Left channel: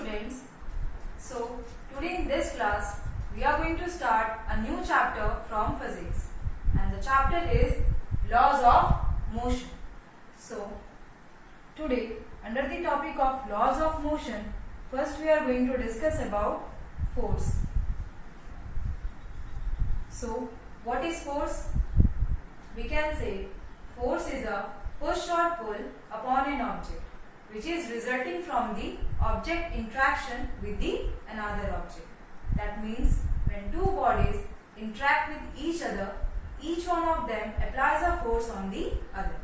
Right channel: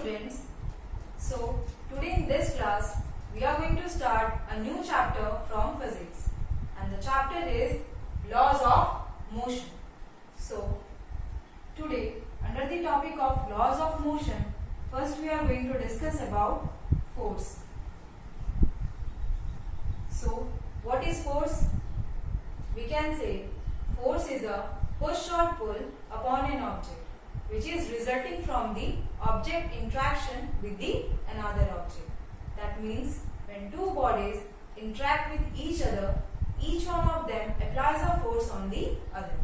students. So today in this class we are going to start a new chapter from physics, and the chapter is laws of motion. So today under the topic of laws of motion, first we are going to discuss about force. So what is force? We can say force is a push or pull upon an object which is resulting from the object interaction with the another object. That means when two bodies interact with each other, each one of them applies a force on the other.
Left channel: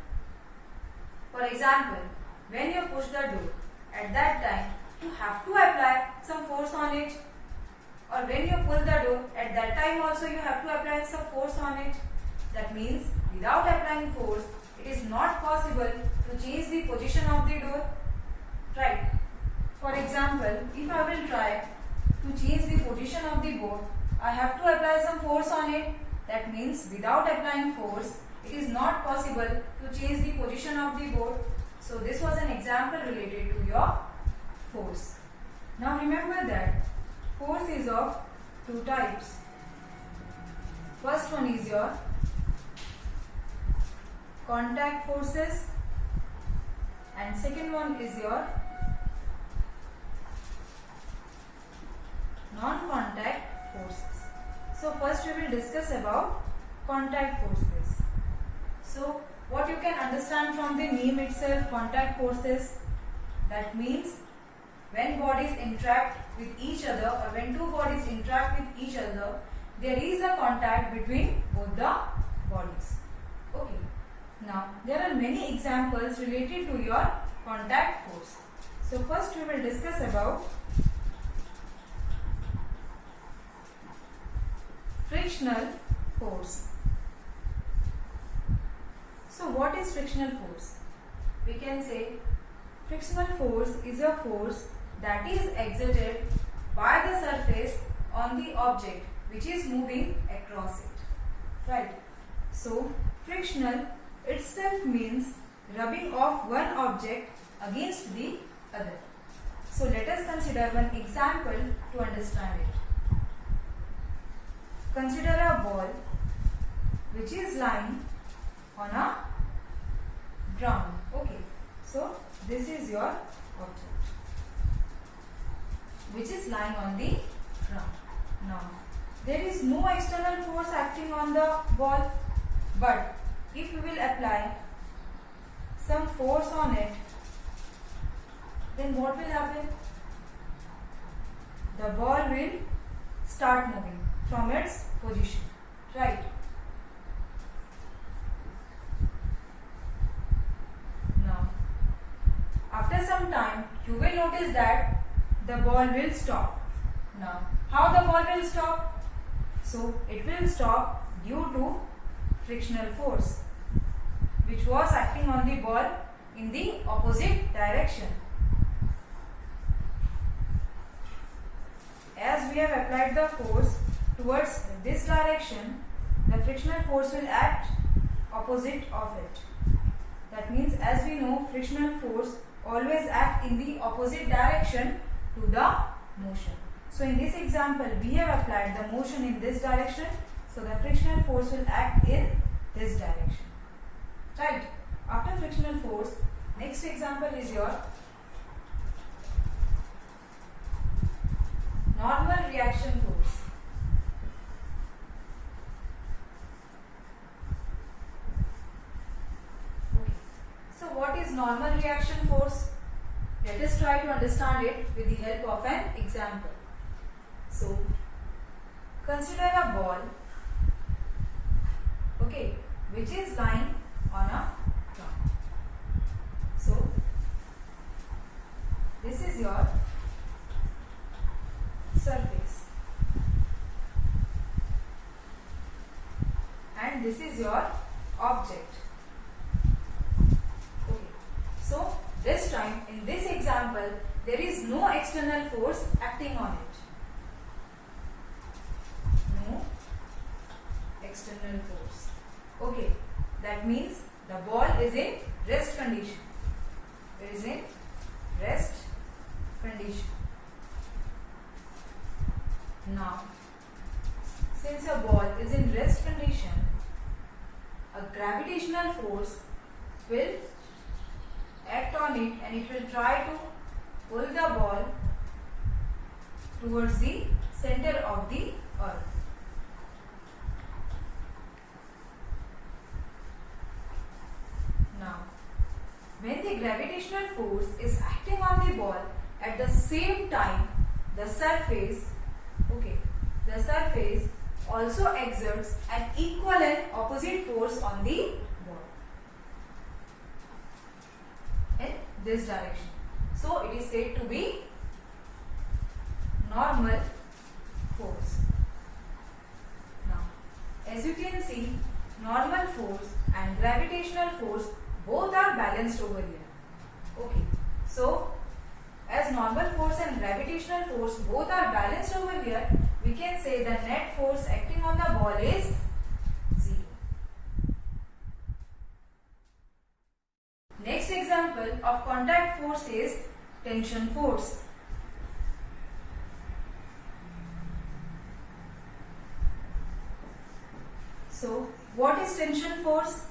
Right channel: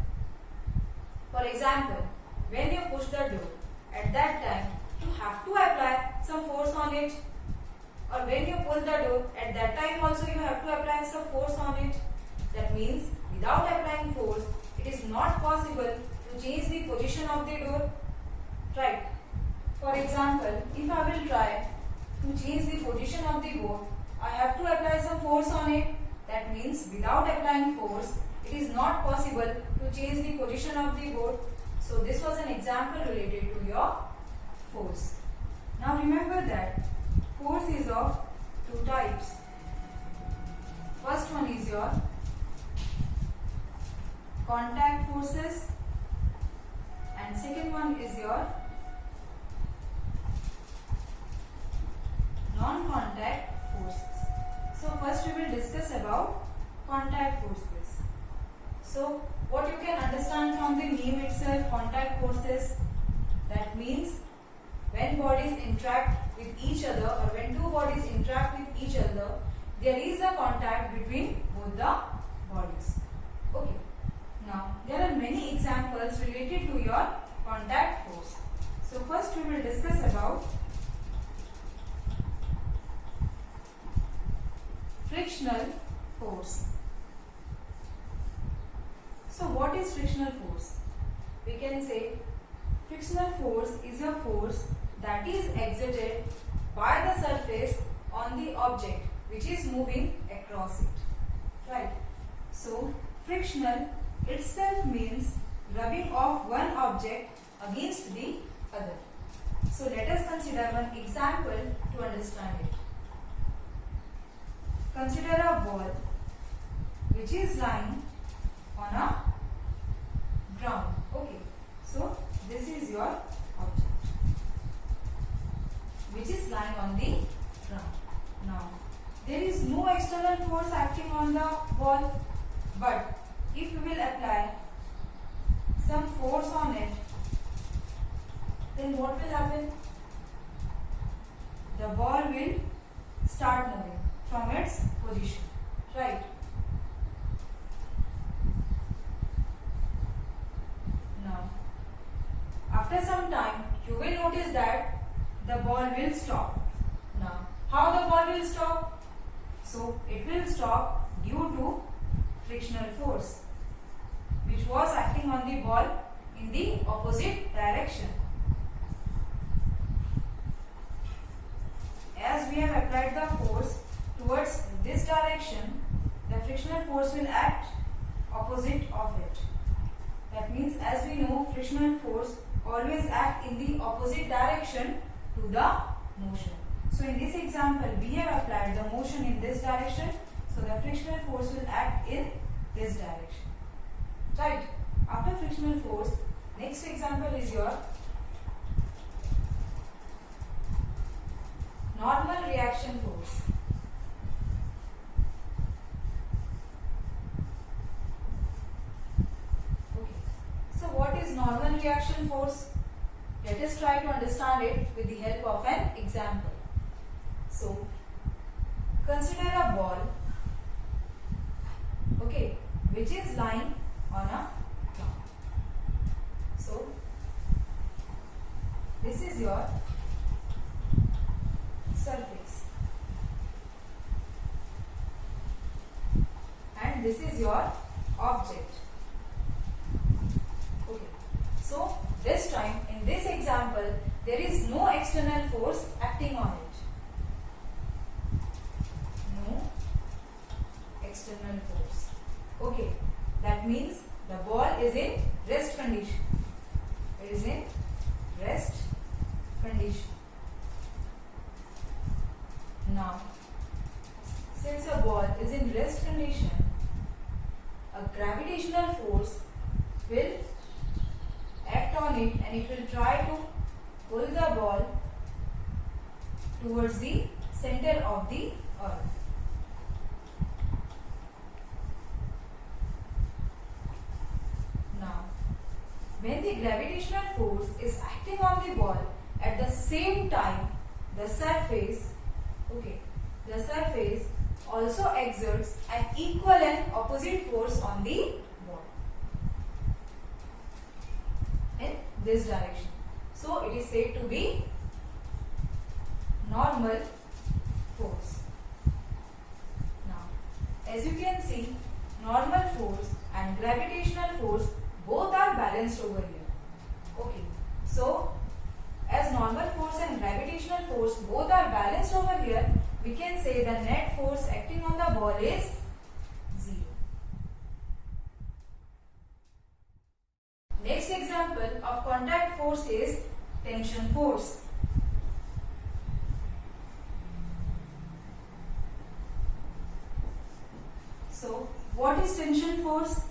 For example, when you push the door, at that time you have to apply some force on it. Or when you pull the door, at that time also you have to apply some force on it. That means without applying force, it is not possible to change the position of the door. Right? For example, if I will try to change the position of the board, I have to apply some force on it. That means without applying force, it is not possible to change the position of the board. So this was an example related to your force. Now remember that force is of two types. First one is your contact forces, and second one is your non-contact forces. So first we will discuss about contact forces. So what you can understand from the name itself, contact forces, that means when bodies interact with each other, or when two bodies interact with each other, there is a contact between both the bodies. Okay. Now there are many examples related to your contact force. So first we will discuss about frictional force. So what is frictional force? We can say frictional force is a force that is exerted by the surface on the object which is moving across it. Right? So frictional itself means rubbing off one object against the other. So let us consider one example to understand it. Consider a ball which is lying on a ground. Okay. So this is your object which is lying on the ground. Now there is no external force acting on the ball, but if you will apply some force on it, then what will happen? The ball will start moving from its position. Right? Now, after some time, you will notice that the ball will stop. Now, how the ball will stop? So, it will stop due to frictional force, which was acting on the ball in the opposite direction. As we have applied the force towards this direction, the frictional force will act opposite of it. That means, as we know, frictional force always act in the opposite direction to the motion. So in this example, we have applied the motion in this direction, so the frictional force will act in this direction. Right? After frictional force, next example is your normal reaction force. Okay. So what is normal reaction force? Let us try to understand it with the help of an example. So consider a ball, okay, which is lying on a ground. So this is your surface, and this is your object. Okay. So this time, in this example, there is no external force acting on it. No external force. Okay. That means the ball is in rest condition. It is in rest condition. Now, since a ball is in rest condition, a gravitational force will act on it and it will try to pull the ball towards the center of the earth. Now, when the gravitational force is acting on the ball, at the same time the surface also exerts an equal and opposite force on the ball in this direction. So it is said to be normal force. Now, as you can see, normal force and gravitational force both are balanced over here. Okay, so as normal force and gravitational force both are balanced over here, we can say the net force acting on the ball is 0. Next example of contact force is tension force. So, what is tension force?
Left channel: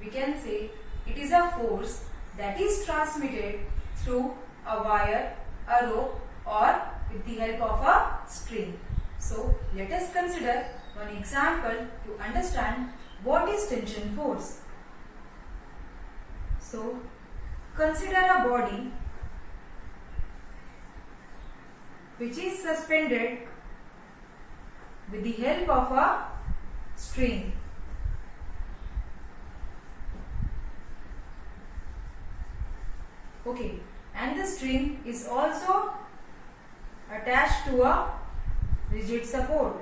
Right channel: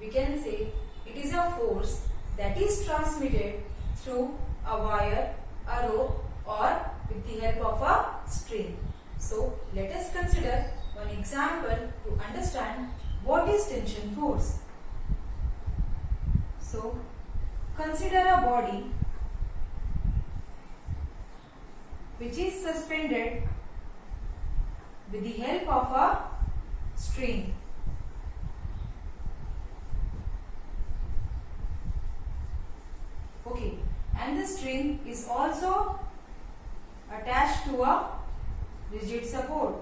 We can say it is a force that is transmitted through a wire, a rope, or with the help of a string. So, let us consider one example to understand what is tension force. So, consider a body which is suspended with the help of a string. Okay, and the string is also attached to a rigid support.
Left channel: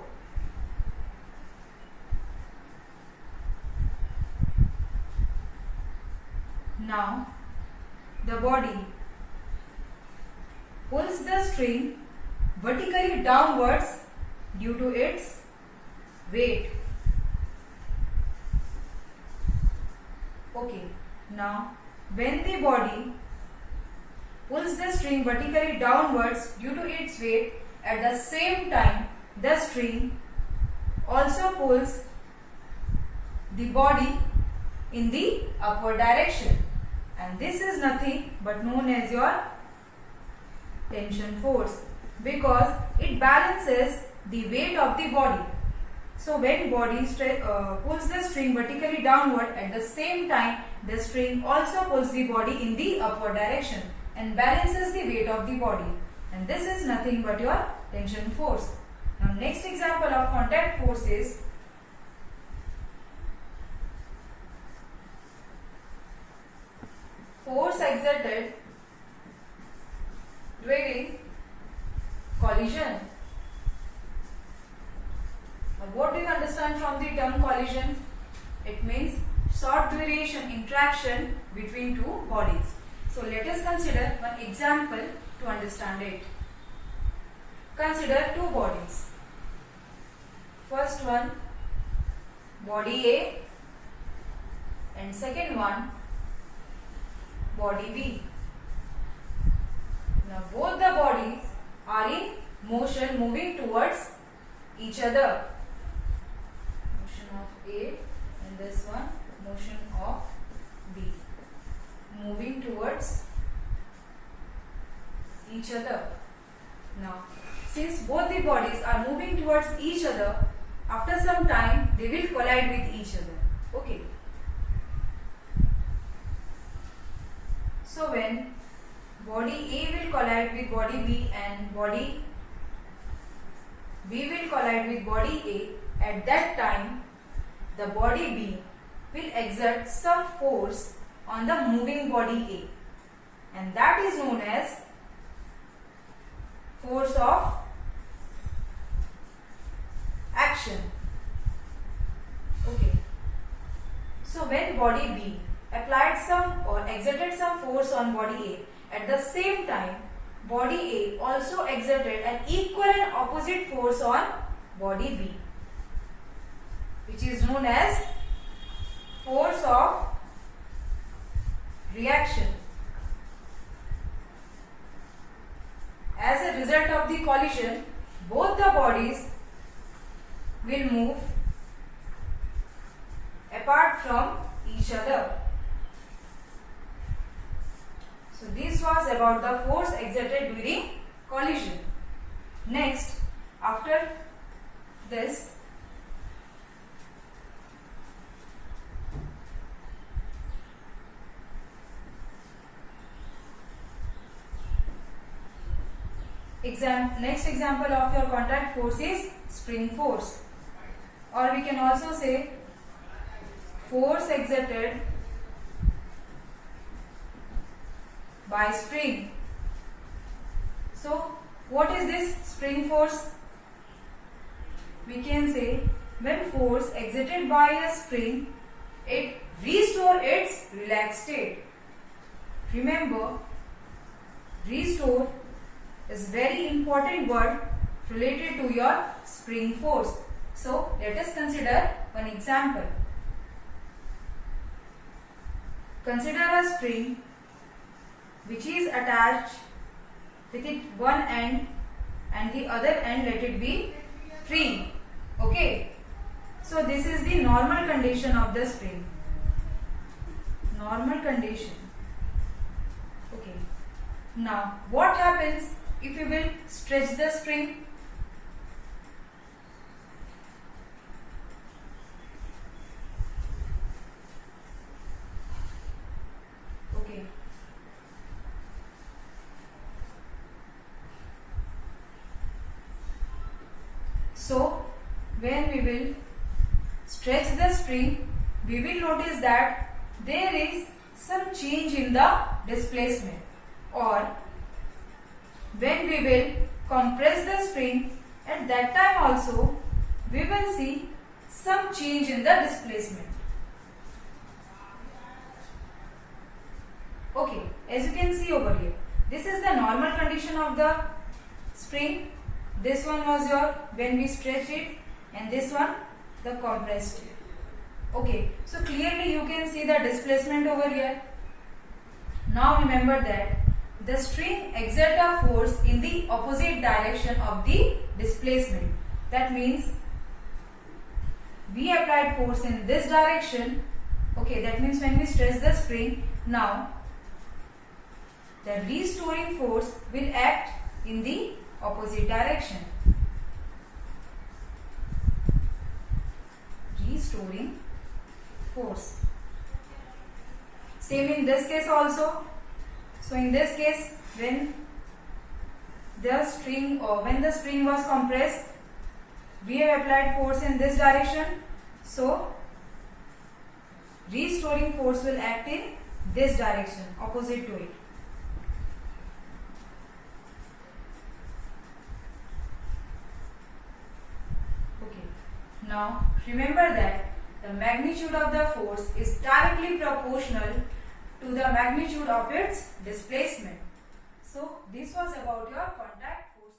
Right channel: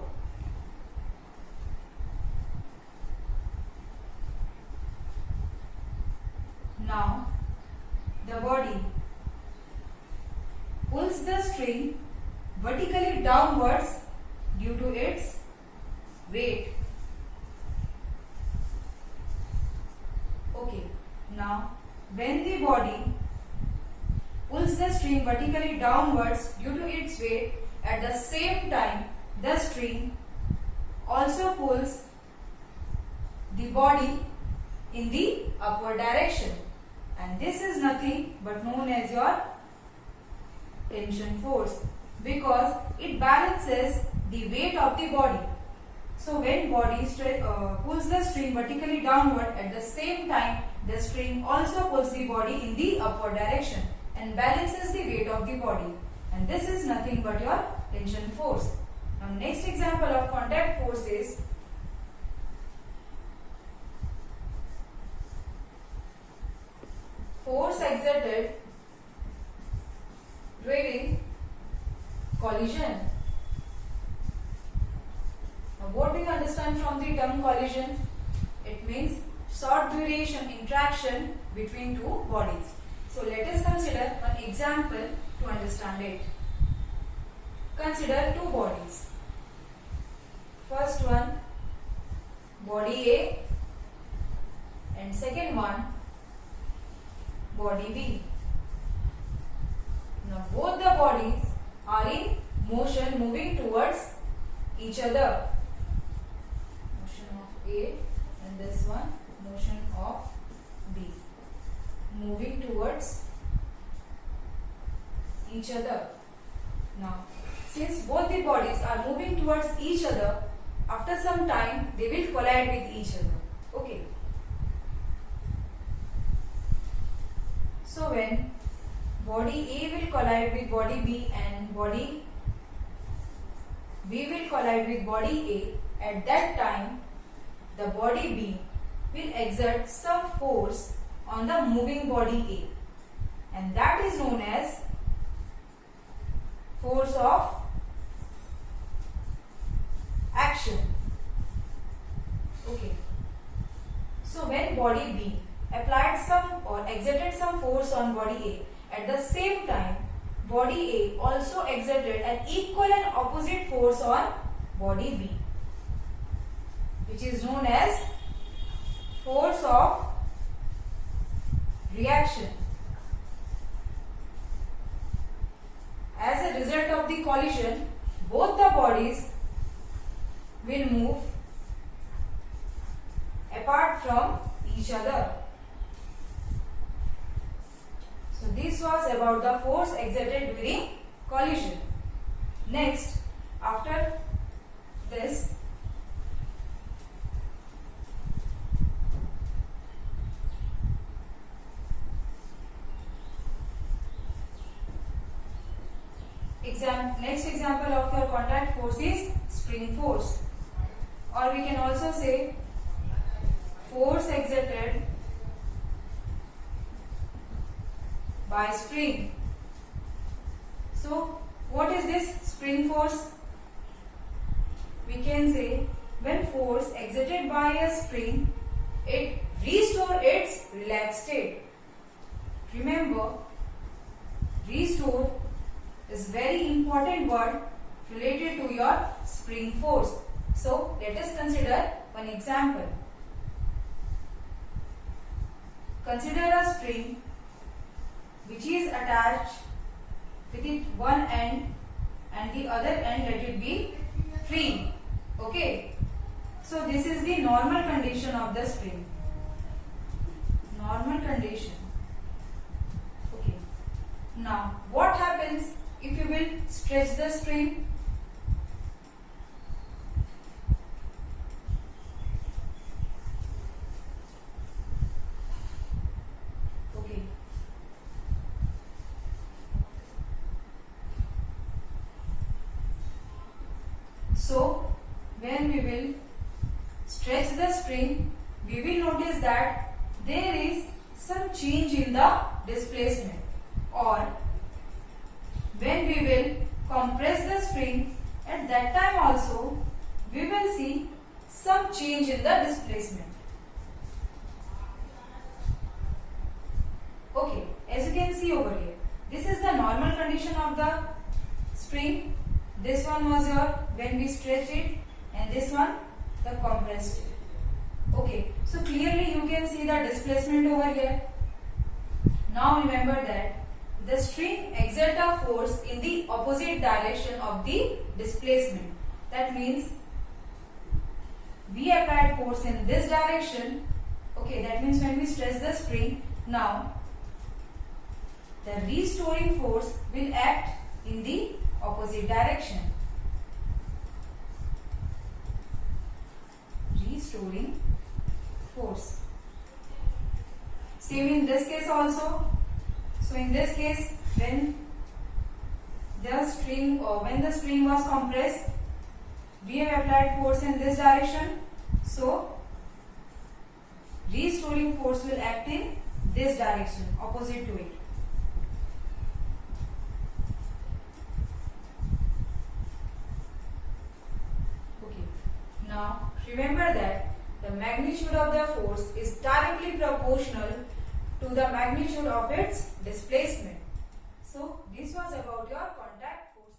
Now, the body pulls the string vertically downwards due to its weight. Okay, now when the body pulls the string vertically downwards due to its weight, at the same time the string also pulls the body in the upward direction, and this is nothing but known as your tension force, because it balances the weight of the body. So when body pulls the string vertically downward, at the same time the string also pulls the body in the upward direction and balances the weight of the body, and this is nothing but your tension force. Now, next example of contact force is force exerted during collision. Now, what do you understand from the term collision? It means short duration interaction between two bodies. So, let us consider one example to understand it. Consider two bodies. First one, body A, and second one, body B. Now, both the bodies are in motion, moving towards each other. Motion of A, and this one, motion of B. Moving towards each other. Now, since both the bodies are moving towards each other, after some time they will collide with each other. Okay. So when body A will collide with body B and body B will collide with body A, at that time the body B will exert some force on the moving body A, and that is known as force of action. Okay. So when body B applied some or exerted some force on body A, at the same time body A also exerted an equal and opposite force on body B, which is known as force of reaction. As a result of the collision, both the bodies will move apart from each other. So this was about the force exerted during collision. Next, after this, next example of your contact force is spring force, or we can also say force exerted by spring. So what is this spring force? We can say when force exerted by a spring, it restores its relaxed state. Remember, restore is very important word related to your spring force. So let us consider one example. Consider a spring which is attached with it one end and the other end let it be free. Okay. So this is the normal condition of the spring. Normal condition. Okay. Now what happens if you will stretch the spring? Okay. So when we will stretch the spring, we will notice that there is some change in the displacement, or when we will compress the spring, at that time also we will see some change in the displacement. Okay, as you can see over here, this is the normal condition of the spring. This one was your when we stretch it, and this one the compressed it. Okay, so clearly you can see the displacement over here. Now remember that the string exerts a force in the opposite direction of the displacement. That means we applied force in this direction. Okay, that means when we stretch the spring, now the restoring force will act in the opposite direction. Restoring force. Same in this case also. So in this case, when the spring was compressed, we have applied force in this direction. So restoring force will act in this direction, opposite to it. Okay. Now remember that the magnitude of the force is directly proportional to the magnitude of its displacement. So this was about your contact forces.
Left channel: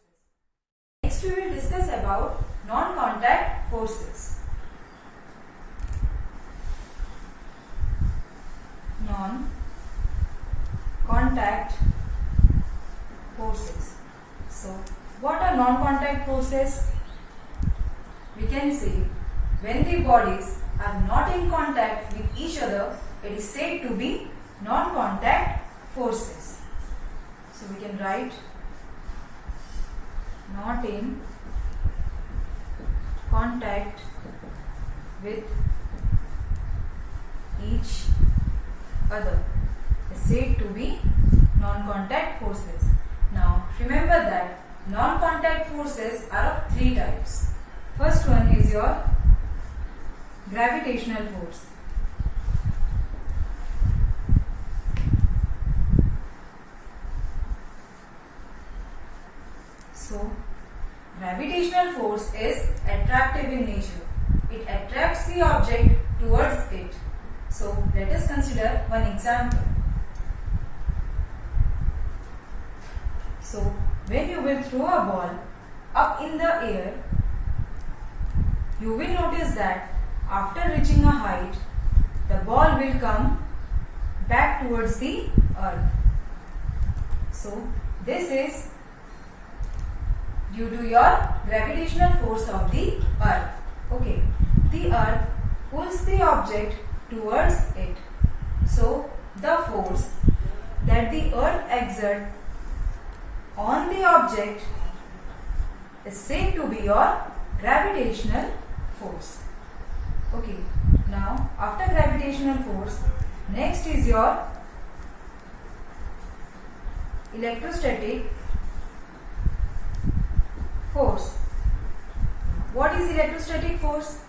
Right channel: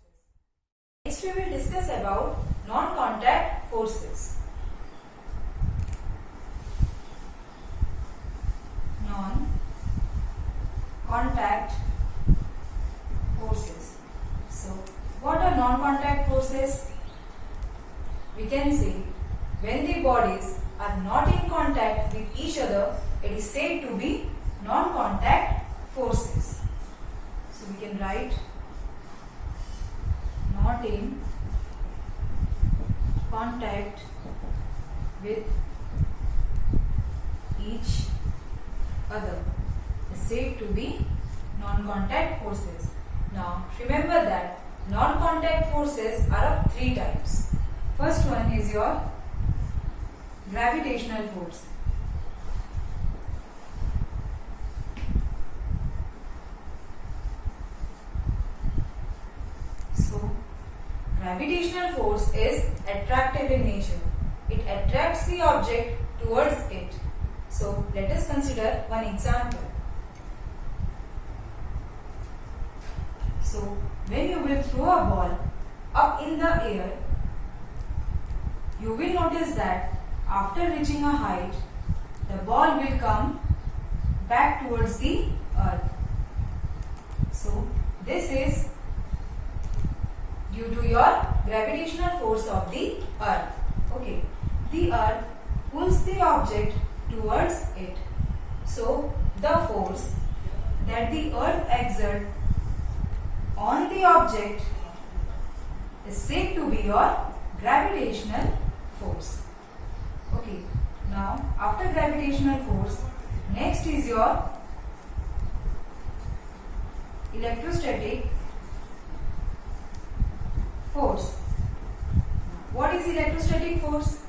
Next we will discuss about non-contact forces. Non-contact forces. So what are non-contact forces? We can say when the bodies are not in contact with each other, it is said to be non-contact forces. So we can write not in contact with each other is said to be non-contact forces. Now remember that non-contact forces are of three types. First one is your gravitational force. So gravitational force is attractive in nature. It attracts the object towards it. So let us consider one example. So when you will throw a ball up in the air, you will notice that after reaching a height, the ball will come back towards the earth. So this is due to your gravitational force of the earth. Okay, the earth pulls the object towards it. So the force that the earth exerts on the object is said to be your gravitational force. Okay, now after gravitational force, next is your electrostatic force. What is electrostatic force?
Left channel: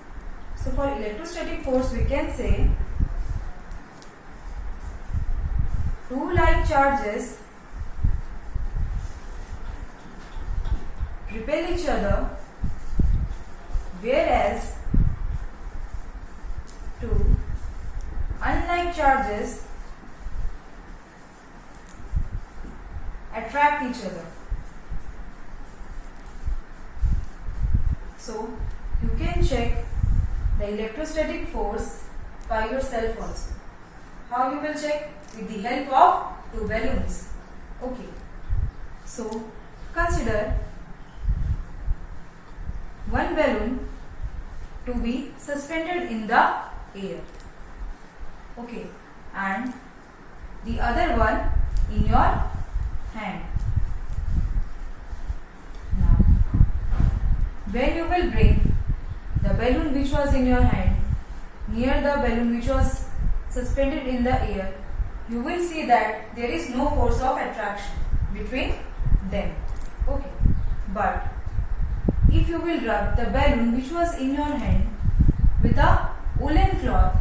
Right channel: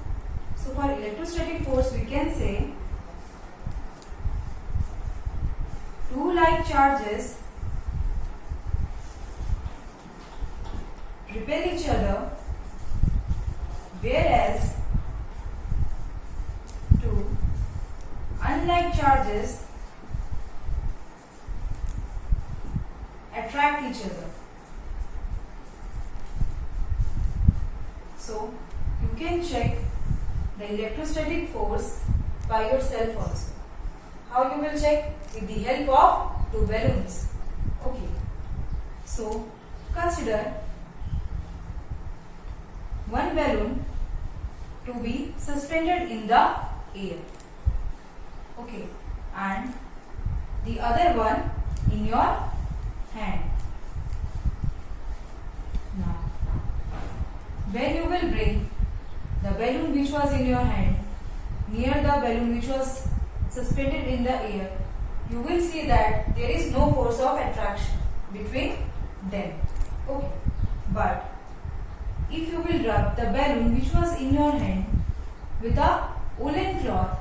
So for electrostatic force we can say two like charges repel each other, whereas two unlike charges attract each other. So you can check the electrostatic force by yourself also. How you will check? With the help of two balloons. Okay. So consider one balloon to be suspended in the air. Okay. And the other one in your hand. Now, when you will bring the balloon which was in your hand near the balloon which was suspended in the air, you will see that there is no force of attraction between them. Okay. But if you will rub the balloon which was in your hand with a woolen cloth,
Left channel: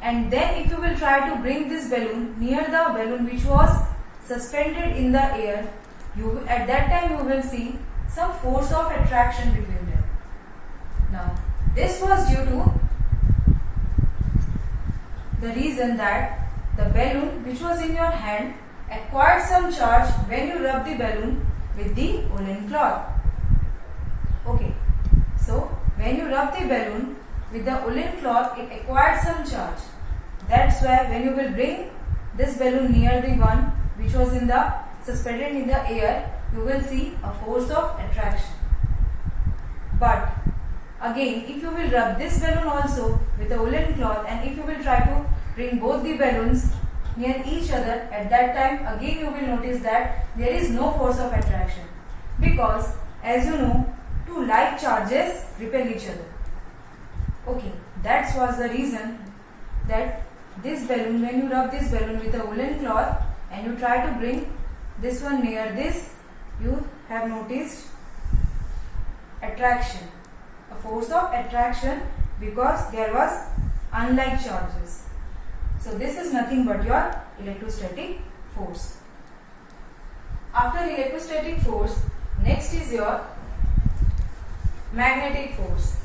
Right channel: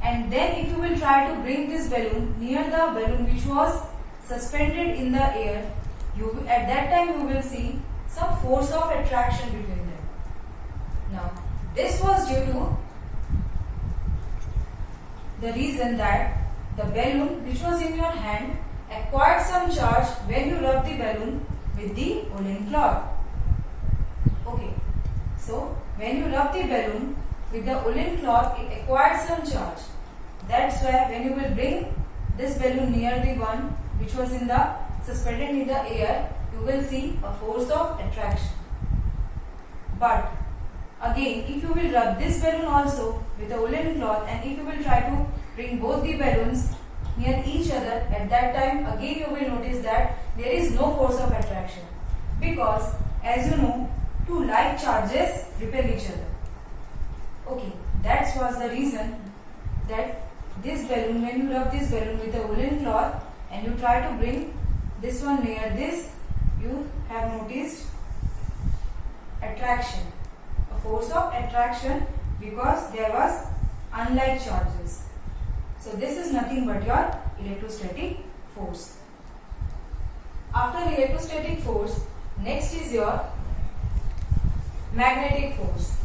and then if you will try to bring this balloon near the balloon which was suspended in the air, at that time you will see some force of attraction between them. Now, this was due to the reason that the balloon which was in your hand acquired some charge when you rub the balloon with the woolen cloth. Okay, so when you rub the balloon with the woolen cloth, it acquired some charge. That's why when you will bring this balloon near the one which was suspended in the air, you will see a force of attraction. But again, if you will rub this balloon also with a woolen cloth, and if you will try to bring both the balloons near each other, at that time again you will notice that there is no force of attraction, because as you know, two like charges repel each other. Okay, that was the reason that this balloon, when you rub this balloon with a woolen cloth and you try to bring this one near this, you have noticed attraction, a force of attraction, because there was unlike charges. So this is nothing but your electrostatic force. After electrostatic force, next is your magnetic force.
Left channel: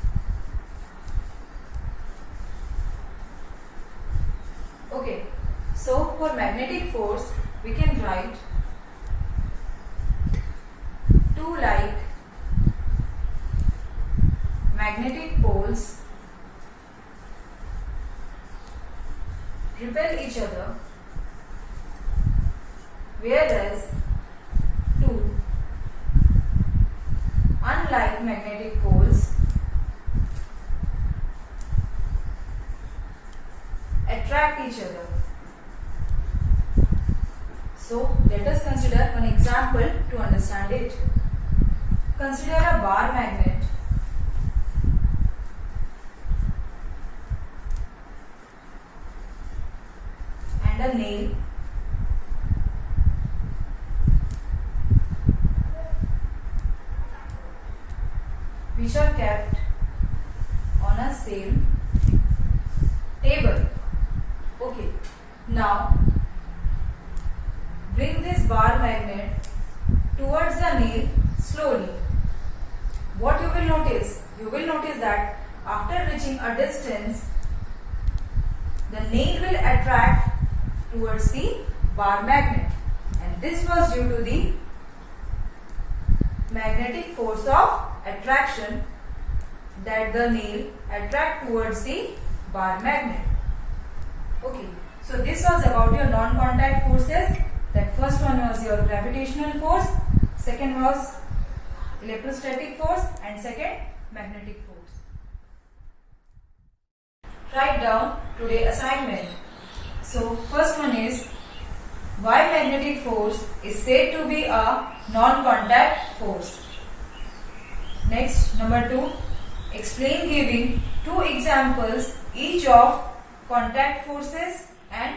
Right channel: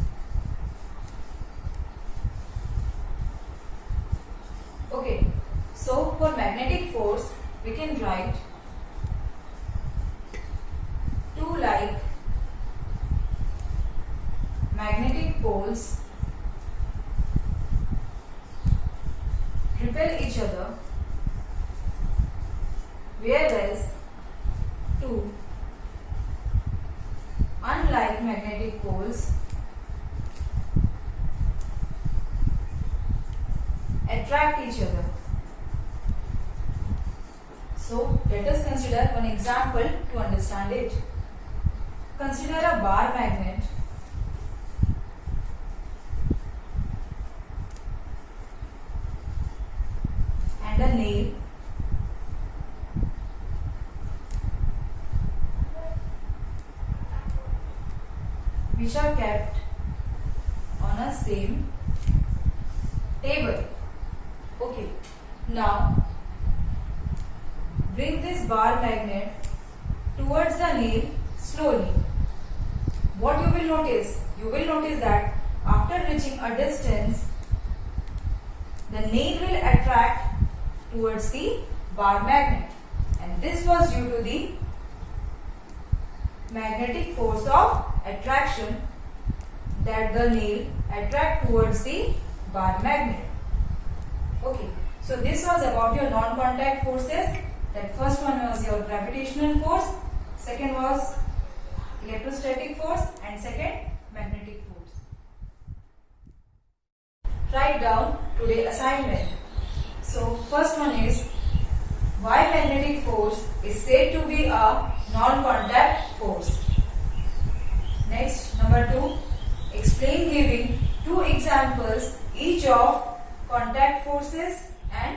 Okay, so for magnetic force, we can write two like magnetic poles repel each other, whereas two unlike magnetic poles attract each other. So let us consider one example to understand it. Consider a bar magnet and a nail which are kept on a same table. Okay, now bring this bar magnet towards the nail slowly. What you will notice? You will notice that after reaching a distance, the nail will attract towards the bar magnet, and this was due to the magnetic force of attraction that the nail attract towards the bar magnet. Okay, so this was about your non-contact forces. That first one was your gravitational force, second was electrostatic force and second magnetic force. Write down today assignment. So first one is why magnetic force is said to be a non-contact force. Next, number 2, explain giving 2 examples each of contact forces and